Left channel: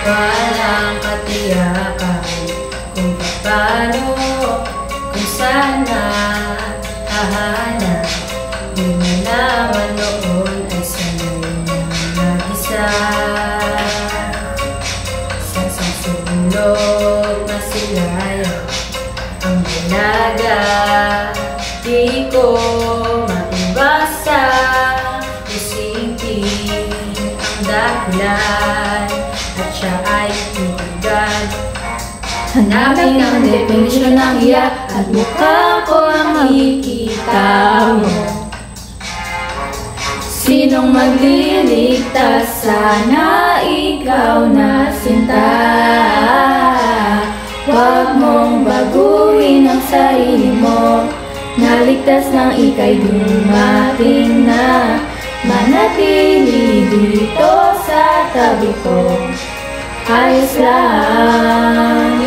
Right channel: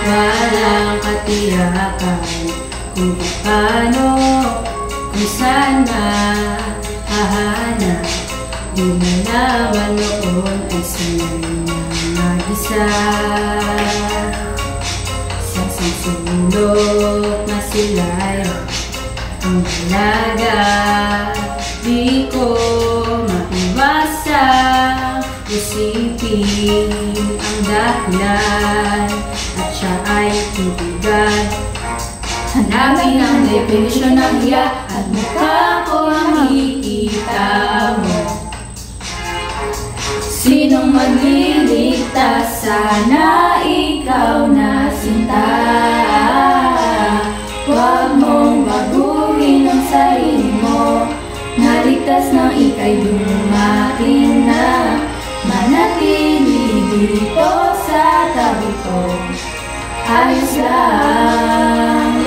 Walang katiyakan kung paano, kung saan hahanap. Di malaman noon ay sanay ng mag-isa. Sa sulok na sila'y ang dalaga. Di ko maiwasang isipin ang dahilan at siya ay titigan. Hanapin ang definisyon ng hiya at mukha ko ang makikita mo. Sinong magliligtas? Sana ikaw na sinta. Huwag mong baguhin ang sarili mo. Naligtas na ika'y dumating na. Manatili dito sa tabi ko. Ayos lang.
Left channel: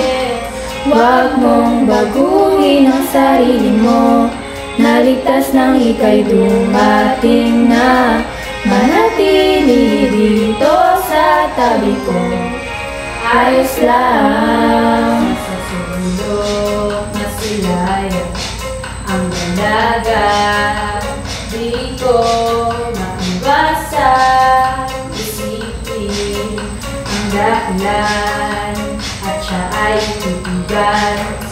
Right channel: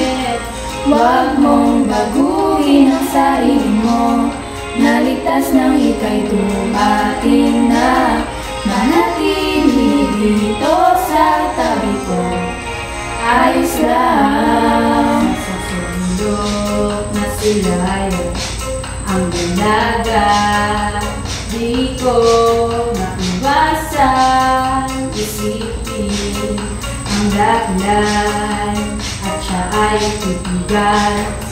Huwag mong baguhin ang sarili mo. Naligtas nang ika'y dumating na. Manatili dito sa tabi ko. Ayos lang. Sa sulok na sila'y ang dalaga. Di ko maiwasang isipin ang dahilan at siya ay titigan.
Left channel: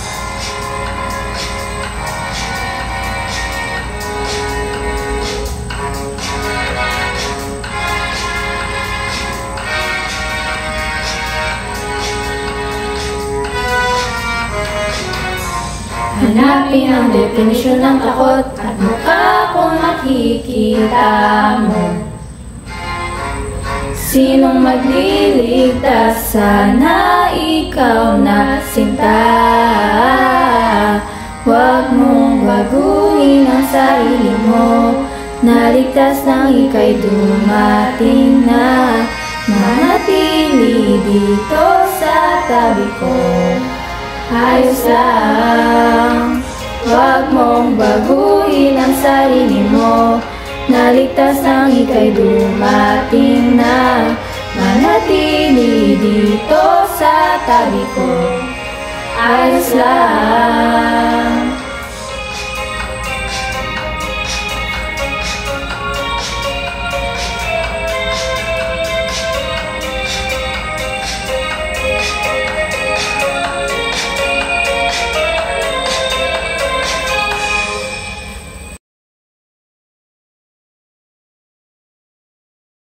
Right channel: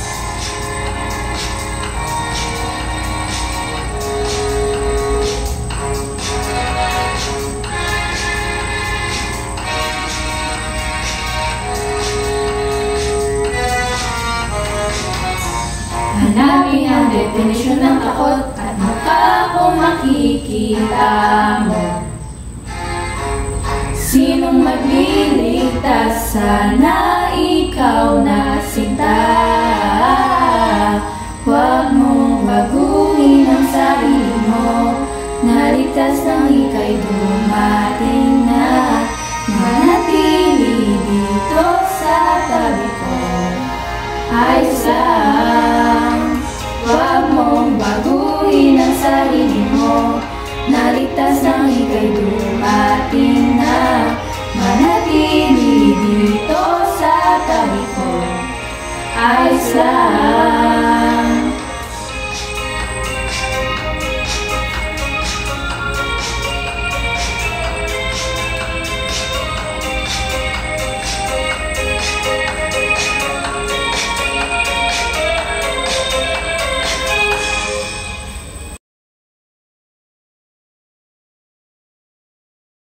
Hanapin ang definisyon ng takot at mukha kong makikita mo. Sinong magliligtas? Sana ikaw na sinta. Huwag mong baguhin ang sarili mo. Naligtas nang ika'y dumating na. Manatili dito sa tabi ko. Ayos lang. Huwag mong baguhin ang sarili mo. Naligtas nang ika'y dumating na. Manatili dito sa tabi ko. Ayos lang.